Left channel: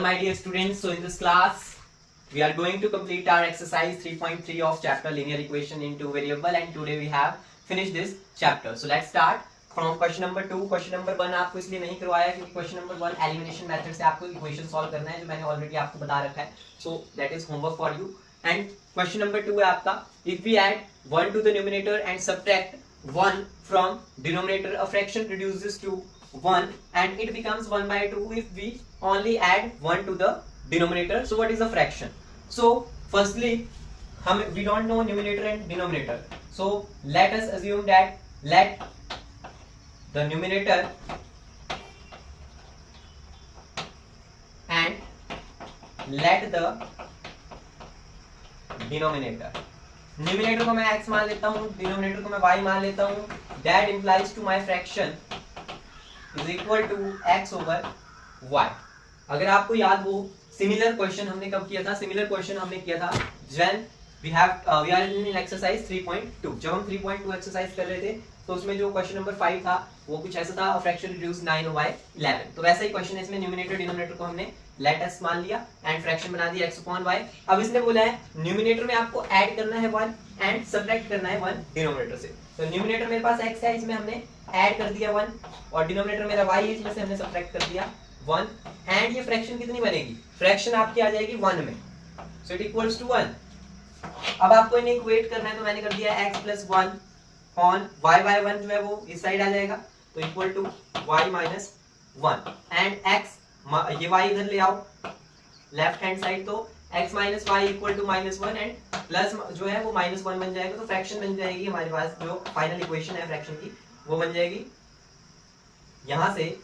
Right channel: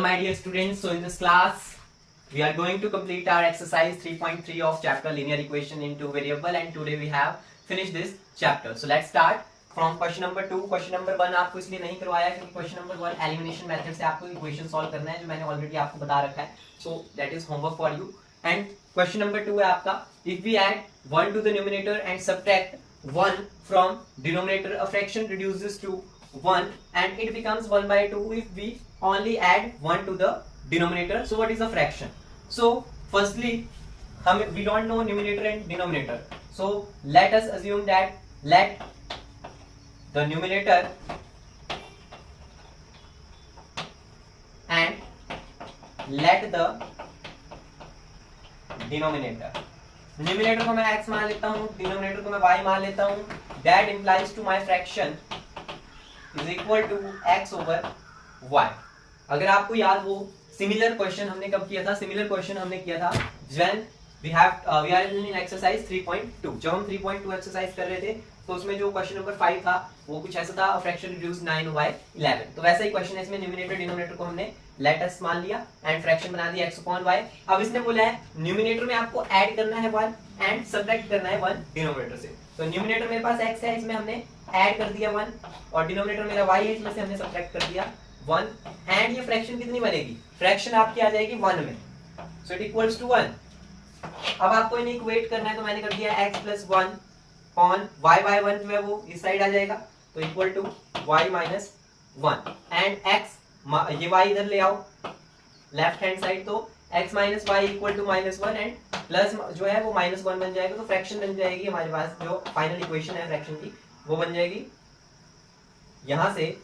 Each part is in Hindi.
My dear students, so in this class we are going to complete our exercise 3.3 of chapter linear equation in two variable, and today we have finished this chapter. So let's start from question number 2. Question number 1 आपको इसलिए नहीं करवाया क्योंकि question number 1 एलिमिनेशन मेथड से आपको इक्वेशन सॉल्व करना है, जो मैंने ऑलरेडी आपको बता रखा है. So that is homework for you. And question number 2 है आपका, if we add 1 to the numerator and subtract 1 from denominator, a fraction reduces to 1 and it becomes 1 by 2 if we only add 1 to the denominator. So what is a fraction? So firstly we don't know numerator and denominator, so let us assume that let the numerator and let the denominator, numerator को मैं x मान लेता हूं, डिनोमिनेटर को मैं y मान लेता हूं. That implies to my fraction is equal to x over y. अगर आपको याद हो, सिमिलर क्वेश्चन हमने कब किया था? सिमिलर क्वेश्चन हमने किया था when we are in exercise 3.2. जब हम 3.2 एक्सरसाइज कर रहे थे तो उसमें जो क्वेश्चन नंबर 5 था वो कुछ ऐसा था, फ्रैक्शन रिड्यूस 9 by 11. तो वैसा ही क्वेश्चन है, इसमें न्यूमिनेटर डिनोमिनेटर को हमने लेट अस मान लिया एंड फ्रैक्शन बना दिया x upon y. अब इसने बोला है न्यूमिनेटर में आपको ऐड करना है 1 एंड सब्ट्रैक्ट करना है 1 डिनोमिनेटर से. तो न्यूमिनेटर मेरे पास x है, इसमें हमने ऐड कर दिया 1, और डिनोमिनेटर मेरा y है, इसमें से हमने सब्ट्रैक्ट कर दिया 1. एंड ये फ्रैक्शन कितनी बनेगी? फ्रैक्शन आपकी आ जाएगी 1 में, सो इट इक्वल्स टू 1. अब आपको इन्हें इक्वेट करना है, तो मैंने कर दिया x plus 1 on y by 1 जो है वो इस साइड आ जाएगा, तो equal to y minus 1 and x, ये y इधर ले आओ लेफ्ट हैंड साइड, तो x minus y equal to minus 1 and plus जो है वो माइनस 1 बन जाएगा. तो फ्रैक्शन बन जाएगी हमारे पास, जो फाइनल इक्वेशन है फ्रैक्शन की वो बन जाएगी यहां से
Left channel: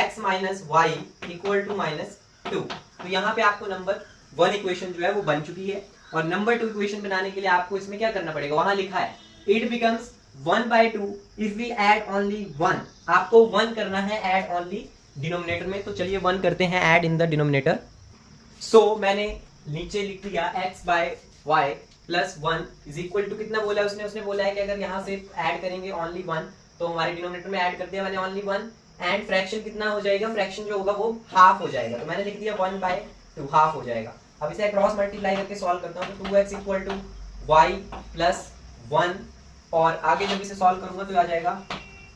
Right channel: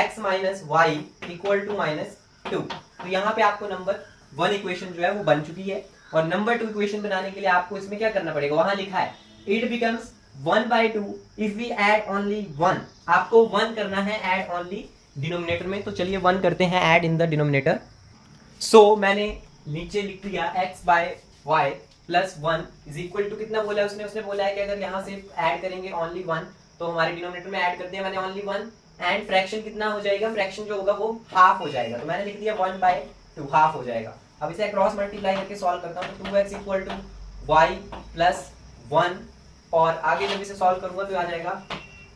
x minus y equal to minus 2. तो यहाँ पे आपको नंबर 1 इक्वेशन जो है वो बन चुकी है. और नंबर 2 इक्वेशन बनाने के लिए आपको इसमें क्या करना पड़ेगा? वहां लिखा है it becomes 1 by 2 if we add only 1. आपको 1 करना है ऐड ओनली डिनोमिनेटर में. तो चलिए 1 करते हैं add in the denominator. So मैंने नीचे लिख दिया x by y plus 1 is equal to, कितना बोला है उसने बोला है कि अगर यहाँ से ऐड करेंगे ओनली 1 तो हमारे डिनोमिनेटर में ऐड कर दिया मैंने ओनली 1 एंड फ्रैक्शन कितना हो जाएगा? फ्रैक्शन जो होगा वो हाफ हो जाएगा, तो मैंने लिख दिया 1 by 2, हाफ हो जाएगा. अब इसे क्रॉस मल्टीप्लाई करके सॉल्व करता हूँ, तो 2x equal to y plus 1, और आगे जब इसे सॉल्व करूंगा तो आ जाएगा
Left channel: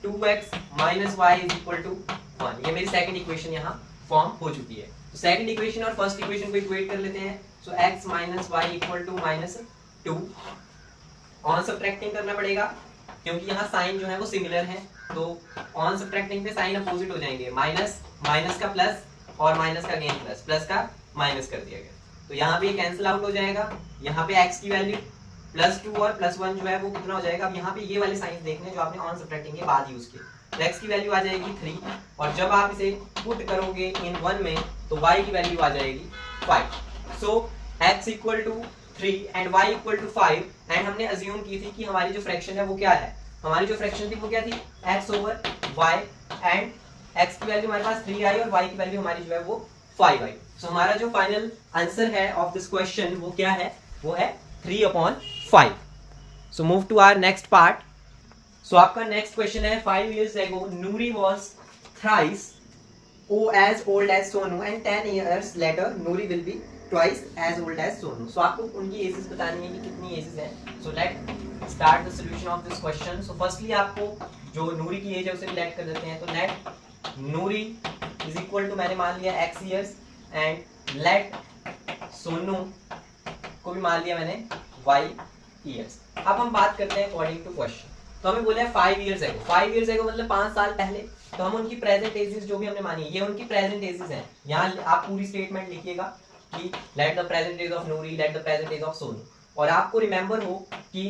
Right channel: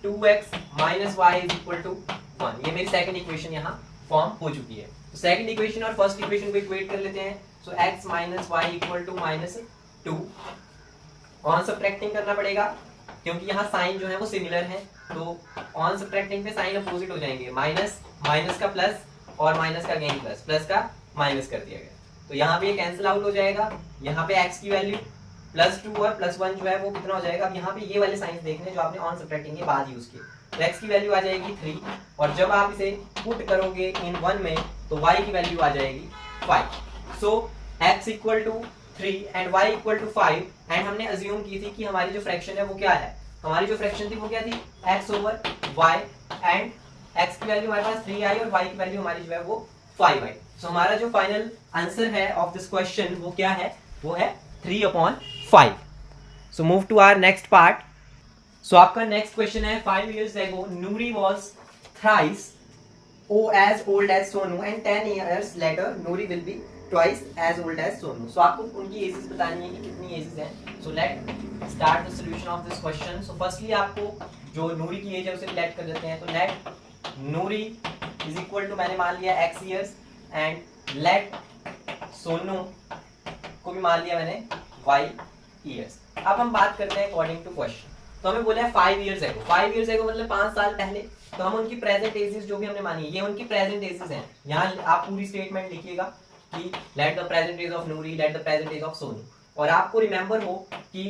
2x minus y is equal to 1. ये मेरी सेकंड इक्वेशन यहाँ फॉर्म हो चुकी है. तो सेकंड इक्वेशन और फर्स्ट इक्वेशन को इक्वेट कर लेते हैं. So x minus y equal to minus 2. On subtracting करना पड़ेगा क्योंकि यहाँ साइन जो है वो सिमिलर है, तो ऑन सब्ट्रैक्टिंग पे साइन अपोजिट हो जाएंगे. माइनस माइनस का प्लस और माइनस का अगेन प्लस, प्लस का माइनस कर दिया गया, तो यहाँ पे ये कैंसिल आउट हो जाएगा. यहाँ पे x की वैल्यू प्लस 2 और प्लस 1 जो है वो कितना हो जाएगा? अब यहाँ पे ये वाले साइंस देखने जो आपने ऑन सब्ट्रैक्टिंग के बाद यूज किए. तो x की वैल्यू आ जाएगी 3, और जब आप इसे पुट करोगे इन 1 में तो y की वैल्यू आ जाएगी 5. So x equal to 3 and y equal to 5. And हमने अज्यूम की थी कि हमारी जो फ्रैक्शन है वो क्या है? हमारी जो फ्रैक्शन थी वो क्या थी? x over y, and x की वैल्यू हमारे पास 3 आई और y की वैल्यू हमारी जो है वो 5 आई. सो हमारा जो फाइनल आंसर है ऑफ दिस क्वेश्चन वो क्या है? वो है 3/5. So move to our next part. So आपका next question है, 5 years ago Noori was thrice as old as Sonu and 10 years later Noori will be twice as old as Sonu. So आपको उनकी एजेस बतानी है कि कितनी एजेस हैं. So let's start the solution of this question. So firstly आपको जो नूरी की एज है उसे लेट कर देते हैं. तो let Noori is equal to, मैंने मान लिया x years, and let Sonu को भी मान लिया मैंने y years. अब हम बात करते हैं अकॉर्डिंग टू क्वेश्चन. तो हमें बोला है 5 years ago. 5 years ago मतलब 5 साल पहले. तो हम उनकी प्रेजेंट एजेस जो भी हमने मानी ये उनकी प्रेजेंट एजेस हैं. यहाँ आप पूरी स्टेटमेंट लिखिएगा कि let the present age of Noori, let the present age of Sonu. और आपको रिमेंबर हो कि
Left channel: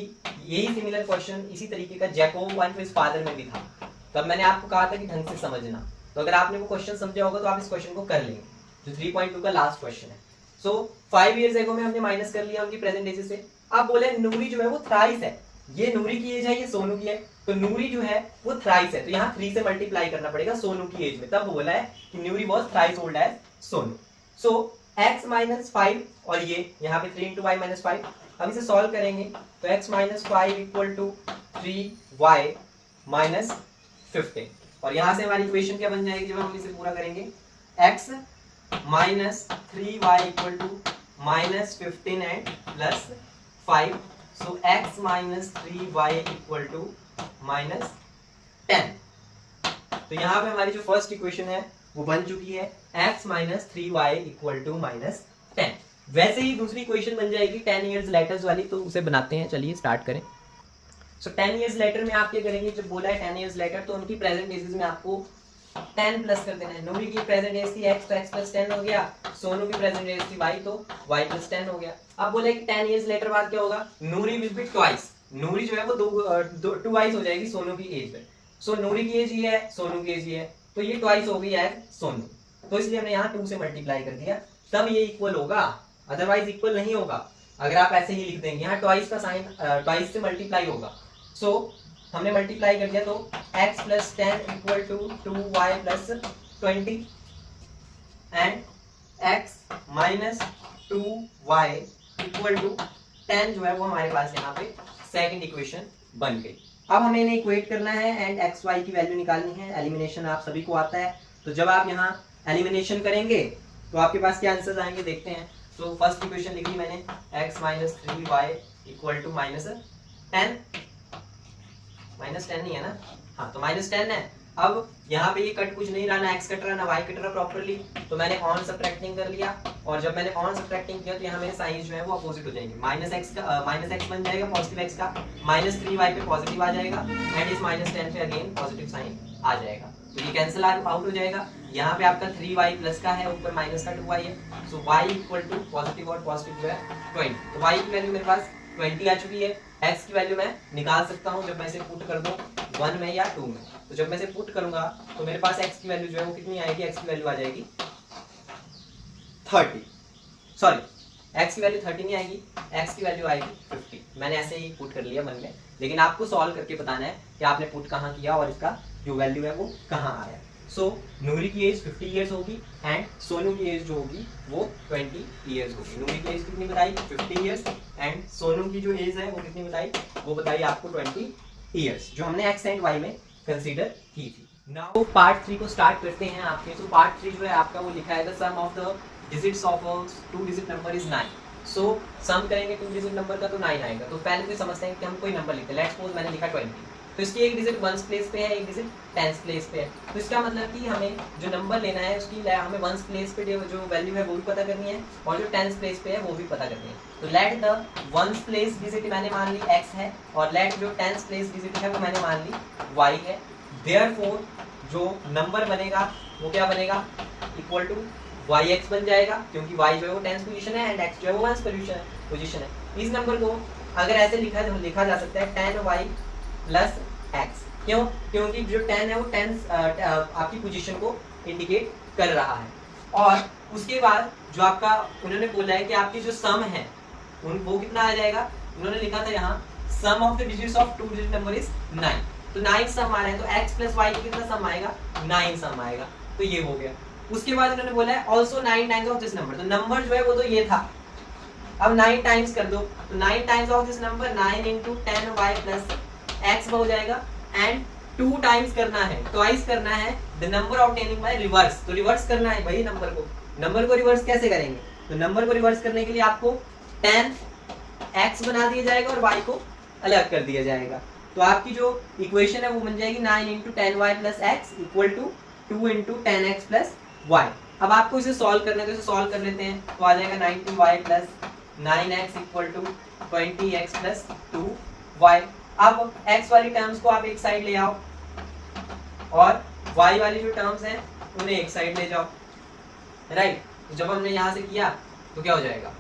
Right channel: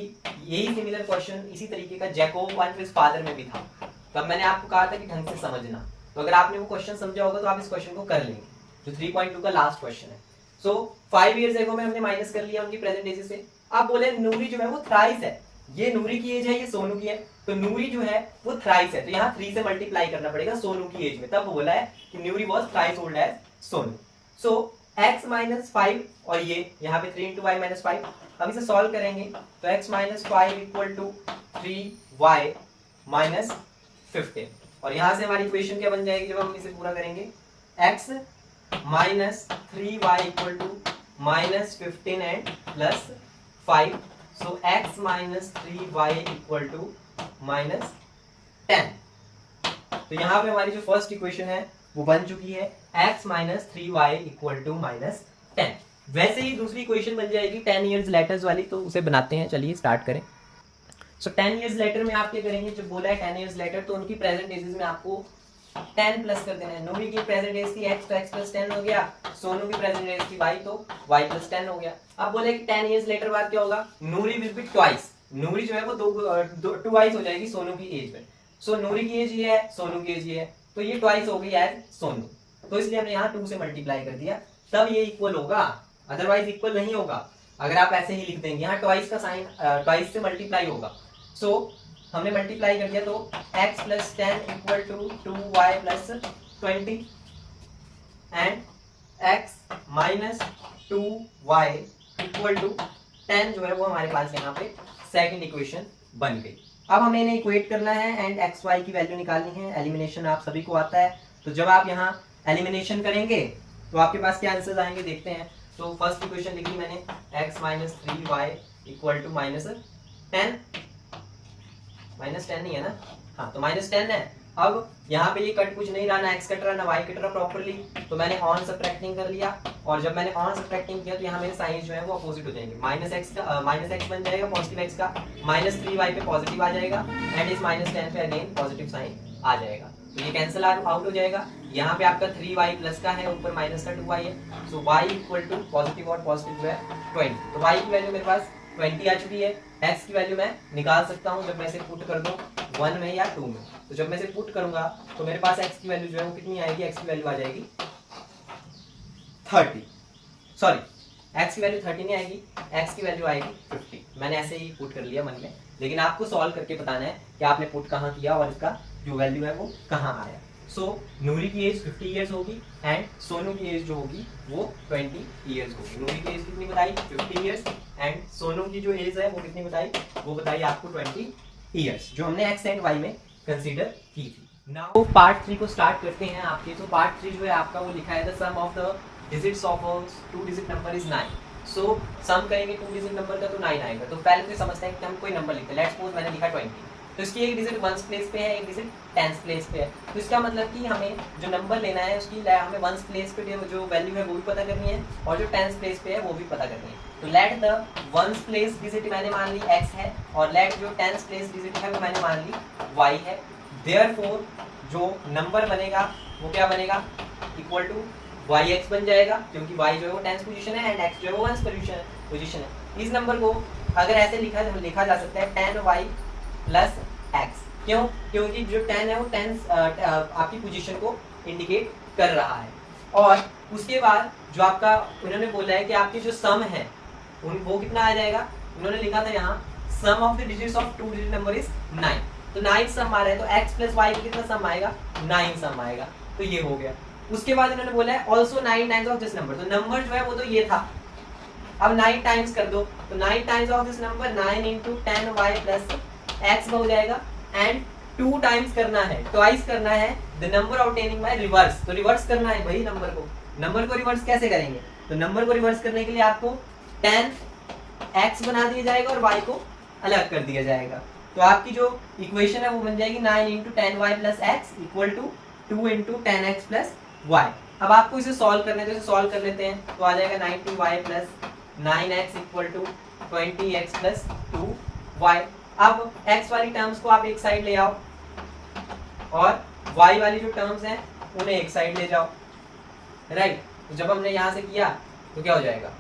यही सिमिलर क्वेश्चन इसी तरीके का जैकोब एंड हिज फादर में भी था. तब मैंने आपको कहा था कि ढंग से समझना. तो अगर आपने वो क्वेश्चन समझा होगा तो आप इस क्वेश्चन को कर लेंगे, जो 3.2 का लास्ट क्वेश्चन है. सो 5 years ago में हमने माइनस कर लिया उनकी प्रेजेंट एजेस से. आप बोले नूरी जो है वो थ्राइस है. ये नूरी की एज है, ये सोनू की है, तो नूरी जो है वो थ्राइस है, तो यहाँ 3 से मल्टीप्लाई करना पड़ेगा सोनू की एज में. तब बोला है कि Noori was thrice old as Sonu. So x minus 5 और ये यहाँ पे 3 इंटू वाई माइनस 5. हम इसे सॉल्व करेंगे तो x minus 5 equal to 3y minus 15. और यहाँ से हमारी इक्वेशन क्या बन जाएगी जब हम इसे पूरा करेंगे? x minus 3y equal to minus 15 and plus 5. So x minus 3y equal to minus 10. तो यहाँ पे हमारी जो फर्स्ट इक्वेशन है वो बन चुकी है, x minus 3y equal to minus 10. वैसे ही दूसरी इक्वेशन बन जाएगी 10 ईयर्स लेटर्स वाली, तो उसे बनाते हैं. चलिए स्टार्ट करें. सो 10 ईयर्स लेटर में आप क्या करेंगे, जब बोला है 10 ईयर्स लेटर तो उनकी प्रेजेंट एजेस में आपको 10 प्लस कर देना है. नूरी की प्रेजेंट एज थी x, तो x प्लस 10 हो गया. सोनू की प्रेजेंट एज थी y, तो y प्लस 10 हो गया. अब बोले कि 10 ईयर्स लेटर बाद क्या होगा, नूरी विल बी ट्वाइस. नूरी जो है वो ट्वाइस हो जाएगी सोनू की एज में. सो नूरी की एज ये है, सोनू की एज ये है, तो ये ट्वाइस हो गई एज सोनू. तो इसलिए हमने यहाँ 2 से मल्टीप्लाई कर दिया, तब ये इक्वल होगा, अदरवाइज इक्वल नहीं होगा. अगर आप ऐसे ही लिख देंगे, यहाँ ट्वाइस का साइन ट्वाइस से मल्टीप्लाई होगा. सो हमने मल्टीप्लाई कर दिया, तो x plus 10 equal to 2y plus 20 and x minus 2y equal to 10 जो है वो हमारे पास यहाँ पे सेकंड इक्वेशन बन गई. अब हमें इन्हें इक्वेट करना है एंड एक्स वाई की वैल्यू निकालनी है. एलिमिनेशन आप सभी को आता है, तो जब आप यहाँ एलिमिनेशन करेंगे तो आपके पास क्या आंसर्स आएंगे देखते हैं. तो फर्स्ट इक्वेशन लिखी मैंने, x minus 3y equal to minus 10. Minus 10 नहीं है ना, हाँ तो माइनस 10 है. अब यहाँ पे ये कट कुछ नहीं रहा, ना x कट रहा ना y कट रहा प्रॉपर्ली, तो मैंने ऑन सब्ट्रैक्टिंग कर लिया. और जब मैंने ऑन सब्ट्रैक्टिंग किया तो यहाँ मेरे साइंस जो है वो अपोजिट हो जाएंगे. माइनस x बन जाएगा पॉजिटिव x का, माइनस 3y पे पॉजिटिव आ जाएगा एंड इस माइनस 10 पे अगेन पॉजिटिव साइन आ जाएगा. तो ये कैंसिल आउट हो जाएगा. यहाँ पे आपका 3y प्लस का है, ऊपर माइनस का 2y है. सो y इक्वल टू पॉजिटिव और पॉजिटिव जो है 20. तो y की वैल्यू मेरे पास 20 आ चुकी है. x की वैल्यू मैं निकाल सकता हूँ जब मैं इसे पुट कर दूं 1 में या 2 में. तो जब मैं इसे पुट करूंगा तो मेरे पास x की वैल्यू जो है वो कितनी आएगी, x की वैल्यू आ जाएगी 30. सॉरी, x की वैल्यू 30 नहीं आएगी, x की वैल्यू आएगी 50. मैंने ऐसे ही पुट कर लिया मन में, लेकिन आपको सॉल्व करके बताना है कि आपने पुट कहाँ किया और इसका जो वैल्यू है वो कहाँ आया. सो नूरी की एज 50 ईयर्स होगी एंड सोनू की एज जो होगी वो 20 ईयर्स होगी. नूरी की एज कितनी बताई, 50 ईयर्स, एंड सोनू की जो एज है वो कितनी बताई, वो बताई आपको 20 ईयर्स, जो हमने x एंड y में कंसीडर की थी. नाउ पार्ट 3 को स्टार्ट करते हैं आपके. तो पार्ट 3 जो है आपका वो लिखा है the sum of the digits of a 2 digit number is 9. So sum करेंगे 2 डिजिट नंबर का तो 9 आएगा. तो पहले तो समझते हैं कि हम कोई नंबर लिखते हैं. लेट्स सपोज मैंने लिखा 20, तो इसकी एक डिजिट 1s प्लेस पे है, एक डिजिट 10s प्लेस पे है. तो इसका मतलब कि हमें जो नंबर लेना है उसकी हमें 1s प्लेस पे जो वैल्यू है वो भी पता करनी है और जो 10s प्लेस पे है वो भी पता करनी है. तो let the 1s place digit मैंने मान ली x है और लेट जो 10s प्लेस डिजिट है वो मैंने मान ली y है. देयरफॉर जो नंबर बनेगा वो क्या बनेगा, इक्वल टू yx बन जाएगा, क्योंकि y जो है वो 10th पोजीशन है एंड x जो है वो 1st पोजीशन है. इस नंबर को अगर ऐसे लिखा जा सकता है 10y प्लस x. क्यों, क्योंकि जो 10 है वो 10 आपकी पोजीशन को इंडिकेट कर रहा है. और उसके बाद जो आपका उन्होंने बोला है कि आपकी जो सम है वो कितना आ जाएगा, उन्होंने लिखा था यहाँ sum of the digits of 2 digit number is 9. तो 9 सम आ रहा है, तो x प्लस y का कितना सम आएगा, 9 सम आएगा. तो ये हो गया. उसके बाद इन्होंने बोला है also 9 times of this number. तो नंबर जो है वो तो ये था, अब 9 टाइम्स कर दो. तो 9 times of this number 9 into 10y plus x हो जाएगा एंड 2 टाइम्स करना है, ट्वाइस करना है the number obtaining by reverse. तो रिवर्स करना है भाई नंबर को रिवर्स कैसे करेंगे, तो नंबर को रिवर्स करने के लिए आपको 10x बना दिया जाएगा और y को अलग कर दिया जाएगा. तो आपकी जो इक्वेशन है वो बन जाएगी 9 into 10y plus x equal to 2 into 10x plus y. अब आपको इसे सॉल्व करने तो इसे सॉल्व कर लेते हैं. तो आ जाएगा 90y plus 9x equal to 20x plus 2y. अब x वाली टर्म्स को आप एक साइड ले आओ और y वाली जो टर्म्स हैं उन्हें एक साइड ले जाओ. राइट. तो जब हमने यहाँ से किया तो क्या हो जाएगा,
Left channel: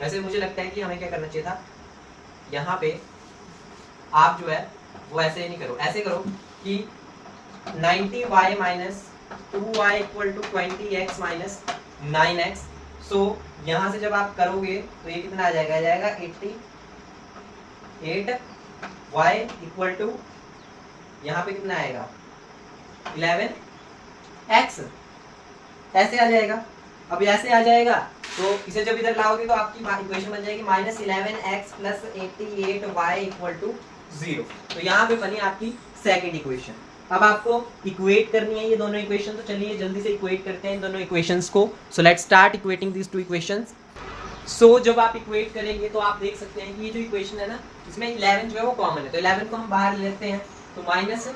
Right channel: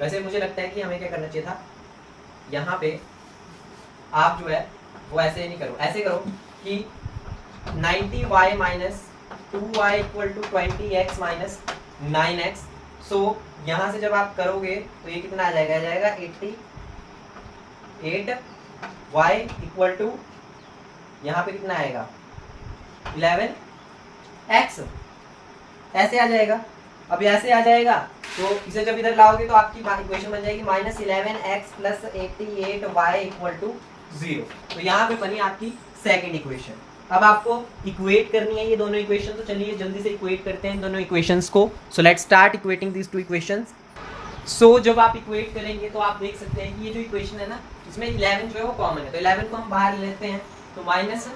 वैसे मुझे लगता है कि हमें क्या करना चाहिए था, यहाँ पे आप जो है वो ऐसे नहीं करो, ऐसे करो कि 90y minus 2y equal to 20x minus 9x. So यहाँ से जब आप करोगे तो ये कितना आ जाएगा 88y इक्वल टू यहाँ पे कितना आएगा 11x. ऐसे आ जाएगा. अब ऐसे आ जाएगा तो इसे जब इधर लाओगे तो आपकी इक्वेशन बन जाएगी minus 11x plus 88y equal to 0. तो यहाँ पे बनी आपकी सेकेंड इक्वेशन. अब आपको इक्वेट करनी है ये दोनों इक्वेशन, तो चलिए जल्दी से इक्वेट करते हैं इन दोनों इक्वेशंस को। So let's start equating these two equations. So जब आप इक्वेट करेंगे तो आप देख सकते हैं कि ये जो इक्वेशन है ना, इसमें 11 जो है वो कॉमन है, तो 11 को हम बाहर लेते हैं, तो minus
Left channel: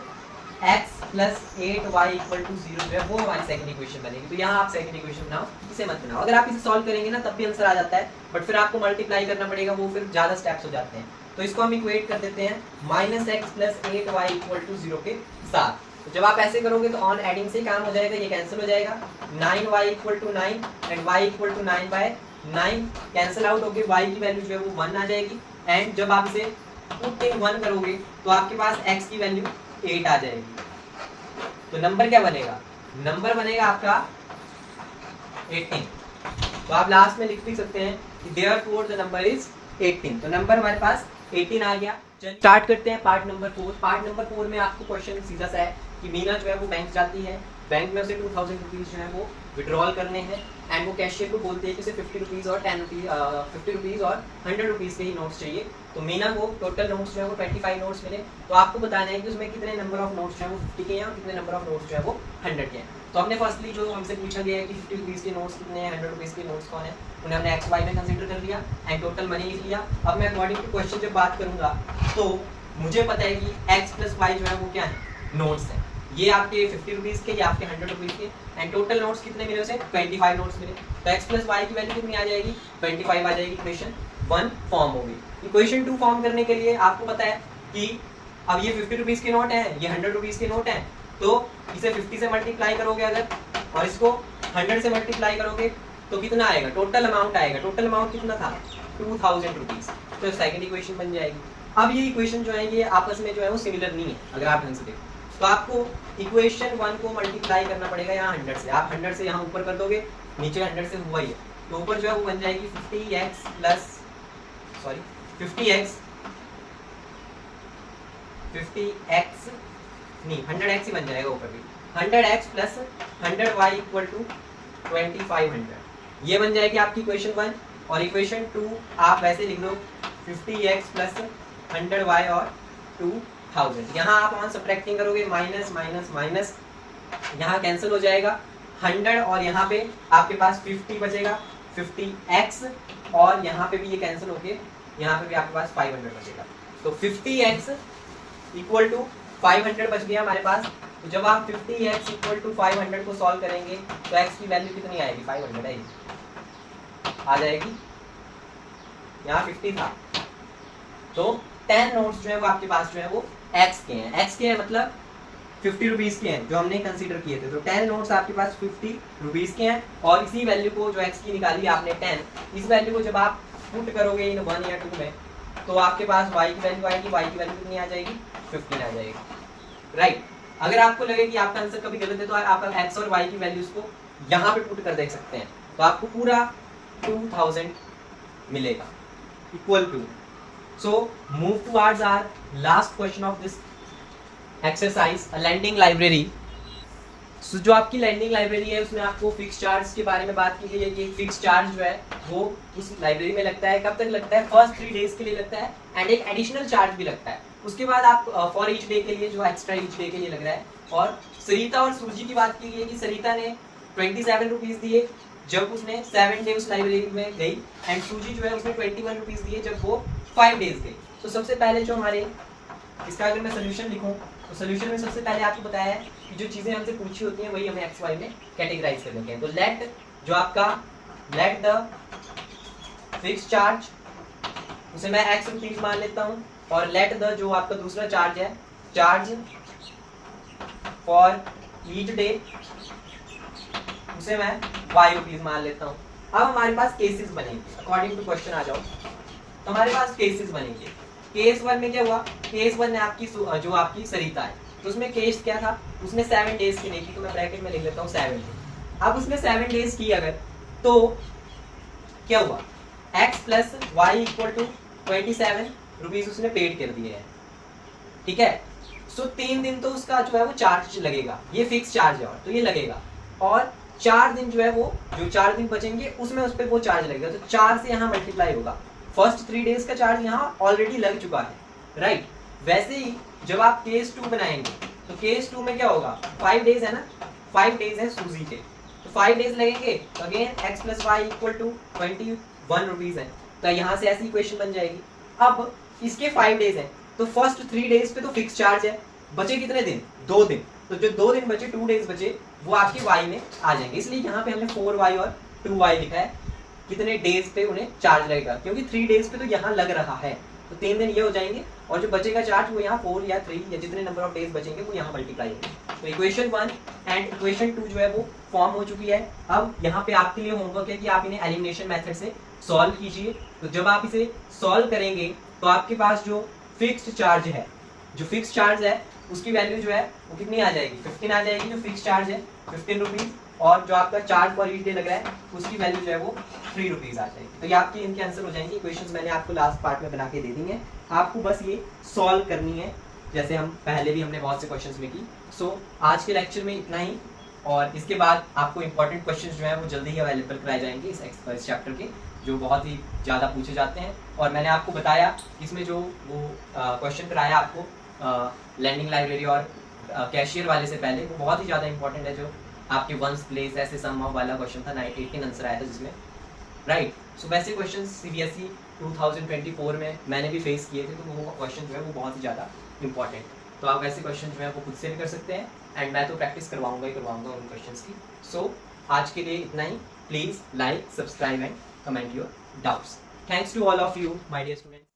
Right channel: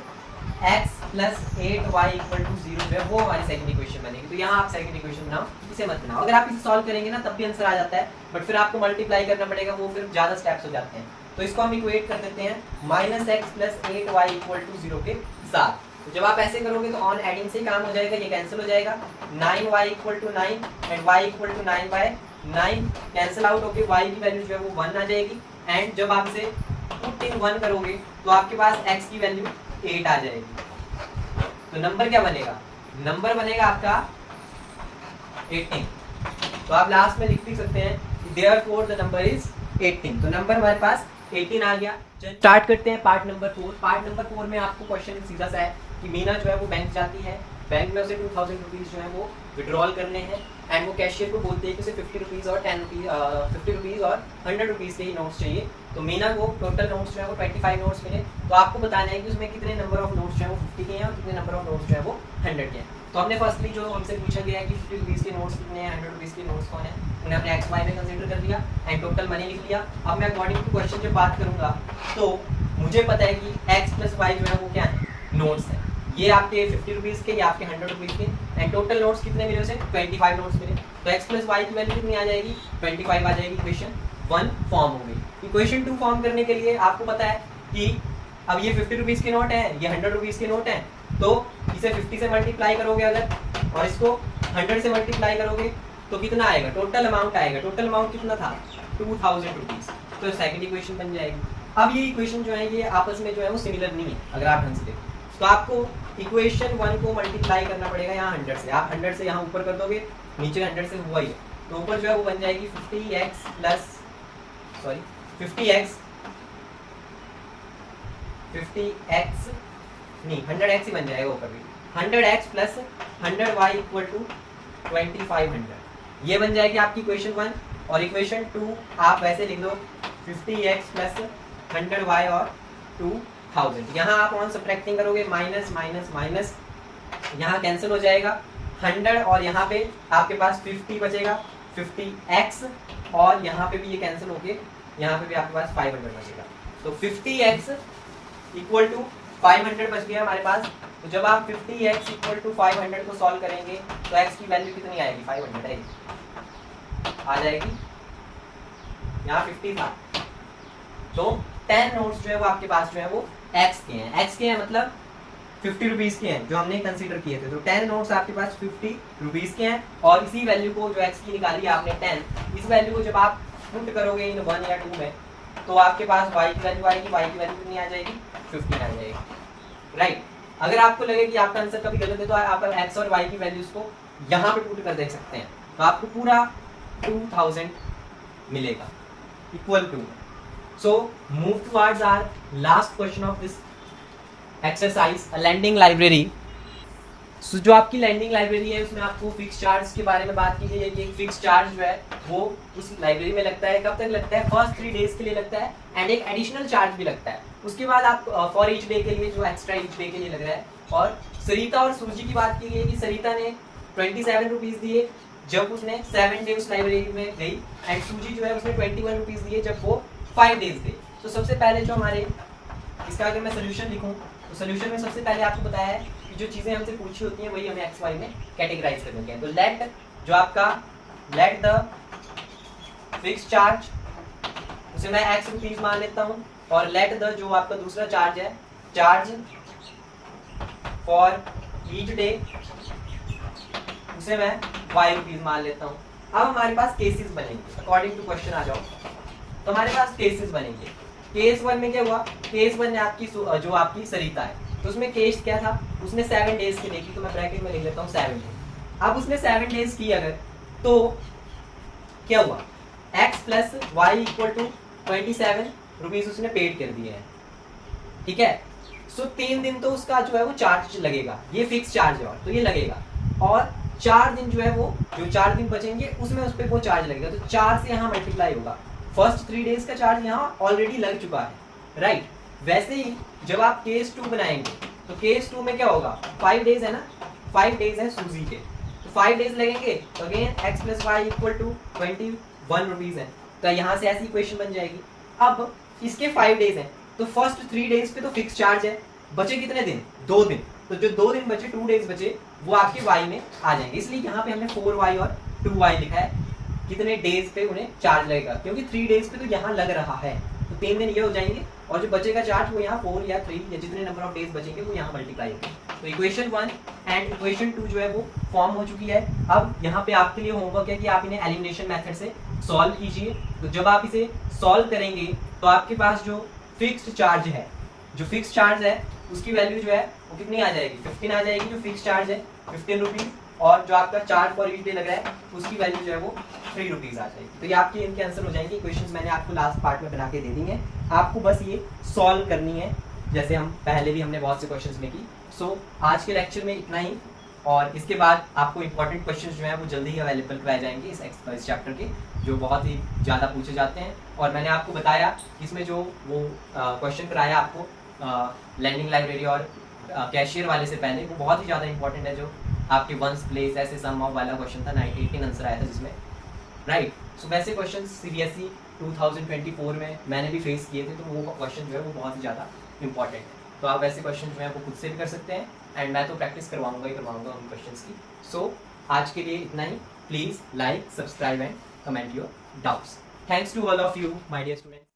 x plus 8y equal to 0 जो है वो हमारी सेकंड इक्वेशन बनेगी। तो यहाँ आप सेकंड इक्वेशन बनाओ, इसे मत बनाओ। अगर आप इसे सॉल्व करेंगे ना तब भी आंसर आ जाता है, बट फिर आपको मल्टीप्लाई करना पड़ेगा, वो फिर ज़्यादा स्टेप्स हो जाते हैं। तो इसको हम इक्वेट कर देते हैं minus x plus 8y equal to 0 के साथ। तो जब आप ऐसे करोगे तो ऑन एडिंग से काम हो जाएगा, ये कैंसिल हो जाएगा, 9y equal to 9 and y equal to 9/9 cancel out होकर y की वैल्यू जो है वो 1 आ जाएगी। एंड जब आप इसे पुटिंग 1 करोगे तो आपके पास x की वैल्यू 8 आ जाएगी। तो नंबर क्या बनेगा? नंबर बनेगा आपका 18। तो आप लास्ट में लिख भी सकते हैं देयरफॉर द नंबर इज 18। तो नंबर हमारे पास 18 आ गया। स्टार्ट करते हैं पार्ट नंबर 4। पार्ट नंबर 4 में आपको क्वेश्चन सीधा सा है कि मीना जो है वो बैंक जाती है, बैंक में उसे 2000 रुपीज़ जो है वो विड्रॉल करने हैं, एंड वो कैशियर को बोलते हैं कि उसे 50 रुपीज़ और 50 रुपीज़ और 100 रुपीज़ के ही नोट्स चाहिए। तो मीना को टोटल नोट्स जो है वो 25 नोट्स मिले। तो आपको बताना है कि उसमें कितने नंबर ऑफ नोट्स जो है वो 50 के हैं और कितने नंबर ऑफ नोट्स जो है वो 100 के हैं। तो हमने फर्स्टली जो हमसे पूछा गया है कि 50 रुपीज़ के नोट्स कितने हैं, 100 रुपीज़ के नोट्स कौन है, उन्हें हमने एक्स वाई में कंसिडर कर दिया एंड टोटल मनी लिख लिया। अब मैं अकॉर्डिंग टू क्वेश्चन जब बात करूँगा तो मुझे पता है कि एक्स प्लस वाई जो है वो क्या है, नोट्स है। ये आपके 50 रुपीज़ के, ये आपके 100 रुपीज़ के, एंड टोटल नोट्स कितने मिले उसे? 25 नोट्स मिले। तो x प्लस वाई की वैल्यू कितनी आ जाएगी? 25 आ जाएगी। इक्वेशन 1 फॉर्म हो गई। इक्वेशन 2 फॉर्म करने के लिए आपको पता है कि अब ये 50 रुपीज़ के नोट हैं, ये 100 रुपीज़ के नोट हैं, तो इसे 50 से मल्टीप्लाई करोगे अगर, और इसको 100 से मल्टीप्लाई करोगे तो कितना आएगा? टोटल अमाउंट आएगा। टोटल अमाउंट कितना था? 2000 रुपीज़। तो सेकंड इक्वेशन बन जाएगी। अब ये इक्वेशन जो है ये आपस में जो है वो सिमिलर नहीं है अगर आप ढंग से देखो। तो आपको इक्वेशन 1 को मल्टीप्लाई करना पड़ेगा यहाँ 100 से। आप 100 से यहाँ ऊपर कर दोगे, नीचे 100 से हुआ ही है, तो ऊपर जो है वो बन जाएगी 50x नहीं 100x ही बन जाएगा ऊपर भी, 100x plus 100y equal to 2500। ये बन जाएगी आपकी इक्वेशन 1। और इक्वेशन 2 आप वैसे लिख दो 50x प्लस 100y और 2000। यहाँ आप ऑन सब्ट्रैक्टिंग करोगे, माइनस माइनस माइनस यहाँ कैंसिल हो जाएगा 100, और यहाँ पे आपके पास 50 बचेगा, 50x, और यहाँ पे भी ये कैंसिल होके यहाँ पे भी आपके पास 500 बचेगा। तो 50x इक्वल टू 500 बच गया हमारे पास। तो जब आप 50x इक्वल टू 500 को सॉल्व करेंगे तो x की वैल्यू कितनी आएगी? 500 आएगी, आ जाएगी। यहाँ 50 था, तो 10 नोट्स जो है वो आपके पास जो है वो x के हैं। x के हैं मतलब 50 रुपीज़ के हैं जो हमने कंसीडर किए थे। तो 10 नोट्स आपके पास 50 रुपीज़ के हैं, और इसी वैल्यू को जो x की निकाली आपने 10, इस वैल्यू को जब आप पुट करोगे इन 1 या 2 में तो आपके पास y की वैल्यू आएगी। y की वैल्यू कितनी आ जाएगी? 15 आ जाएगी, राइट। अगर आपको लगे कि आपका आंसर कभी गलत है तो आप x और y की वैल्यूज को यहाँ पे पुट कर देख सकते हैं, तो आपको पूरा 2000 मिलेगा equal to. So move towards our last question of this exercise, a lending library. So जो आपकी लैंडिंग लाइब्रेरी है उसमें आपको फिक्स चार्ज के बारे में बात की गई है कि फिक्स चार्ज जो है वो उस लाइब्रेरी में लगता है। कब तक लगता है? फर्स्ट 3 डेज के लिए लगता है, एंड एक एडिशनल चार्ज भी लगता है। उसके बाद आप फॉर ईच डे के लिए जो एक्स्ट्रा ईच डे के लिए लग रहा है। और सरिता और सूजी की बात की गई है कि सरिता ने 27 रुपीज़ दिए जब उसने 7 डे उस लाइब्रेरी में गई, एंड सूजी जो है उसने 21 रुपीज़ दिए जब वो 5 डेज थे। तो सबसे पहले जो हमारे इसका अगर मैं सोल्यूशन लिखूं तो सोल्यूशन में सबसे पहले आपको बताया है कि जो चीज़ें हमसे पूछी होती हैं वही हमें एक्स वाई में कैटेगराइज कर देते हैं। तो लेट जो आपका लेट द फिक्स चार्ज उसे मैं एक्स रुपीज़ मान लेता हूँ, और लेट द जो आपका दूसरा चार्ज है चार्ज फॉर ईच डे उसे मैं वाई रुपीज़ मान लेता हूँ। अब हमारे पास केसेस बनेंगे अकॉर्डिंग टू क्वेश्चन। आ जाओ, तो हमारे पास केसेस बनेंगे। केस 1 में क्या हुआ? केस 1 ने आपकी जो आपकी सरिता है, तो उसमें केस क्या था? उसने 7 डेज की देखी, तो मैं ब्रैकेट में लिख लेता हूँ 7 डेज। अब उसने 7 डेज की अगर, तो क्या हुआ? x plus y equal to 27 rupees उसने पेड कर दिए हैं, ठीक है। सो 3 दिन तो उसका जो है वो चार्ज लगेगा, ये फिक्स चार्ज है, और तो ये लगेगा। और 4 दिन जो है वो जो 4 दिन बचेंगे उसमें उस पर वो चार्ज लगेगा, तो 4 से यहाँ मल्टीप्लाई होगा। फर्स्ट 3 डेज का चार्ज यहाँ ऑलरेडी लग चुका है, राइट। वैसे ही जब आप केस 2 बनाएंगे तो केस 2 में क्या होगा, 5 डेज है ना, 5 डेज है सूजी के, तो 5 डेज लगेंगे, तो again x plus y equal to 21 rupees है, तो यहाँ से ऐसी इक्वेशन बन जाएगी। अब इसके 5 डेज हैं, तो फर्स्ट 3 डेज पे तो फिक्स चार्ज है, बचे कितने दिन, 2 दिन, तो जो 2 दिन बचे, 2 डेज बचे, वो आपके y में आ जाएंगे, इसलिए यहाँ पे हमने 4y और 2y लिखा है, कितने डेज पे उन्हें चार्ज लगेगा, क्योंकि 3 डेज पे तो यहाँ लग रहा है, तो 3 दिन ये हो जाएंगे, और जो बचेगा चार्ज वो यहाँ 4 या 3 या जितने नंबर ऑफ डेज बचेंगे वो यहाँ मल्टीप्लाई होंगे। तो इक्वेशन 1 एंड इक्वेशन 2 जो है वो फॉर्म हो चुकी है। अब यहाँ पे आपके लिए होमवर्क है कि आप इन्हें एलिमिनेशन मेथड से सॉल्व कीजिए। तो जब आप इसे सॉल्व करेंगे तो आपके पास जो फिक्स्ड चार्ज है, जो फिक्स चार्ज है उसकी वैल्यू जो है वो कितनी आ जाएगी, 15 आ जाएगी, जो फिक्स चार्ज है 15 रुपीज, और जो आपका चार्ज पर ईच डे लग रहा है उसकी वैल्यू जो है वो 3 रुपीज आ जाएगी। तो ये आपके इनके आंसर हो जाएंगे। इक्वेशंस मैंने आपको लास्ट पार्ट में बना के दे दी हैं, आपको बस ये सॉल्व करनी है, जैसे हम पहले भी हमने बहुत से क्वेश्चंस में की। सो आज के लेक्चर में इतना ही, और इसके बाद आपको इंपॉर्टेंट क्वेश्चंस जो है वो जल्दी ही अवेलेबल कराए जाएंगे इस चैप्टर के, जो बहुत ही ज़्यादा पूछे जाते हैं। और मैंने आपको बताया इसमें जो वो क्वेश्चन कराया आपको लैंडिंग लाइब्रेरी और कैशियर वाले से पहले, वो बहुत ही ज़्यादा इंपॉर्टेंट है, जो आपके वंस प्लेस ऐसे सम ऑफ वाला क्वेश्चन था, 18 आंसर आया था जिसमें, राइट। सो वैसे क्वेश्चन CBSE 2024 में मैंने भी फेस किए थे, तो वो क्वेश्चन जो है वो बहुत ही ज़्यादा इंपॉर्टेंट है। तो आप वैसे क्वेश्चन जो है वो खुद से भी कर सकते हैं, एंड मैं तो प्रैक्टिस करवाऊंगा ही करवाऊंगा उन क्वेश्चंस की। सो आज के लिए इतना ही। Please like, subscribe and comment your doubts. Thanks to all of you my dear student.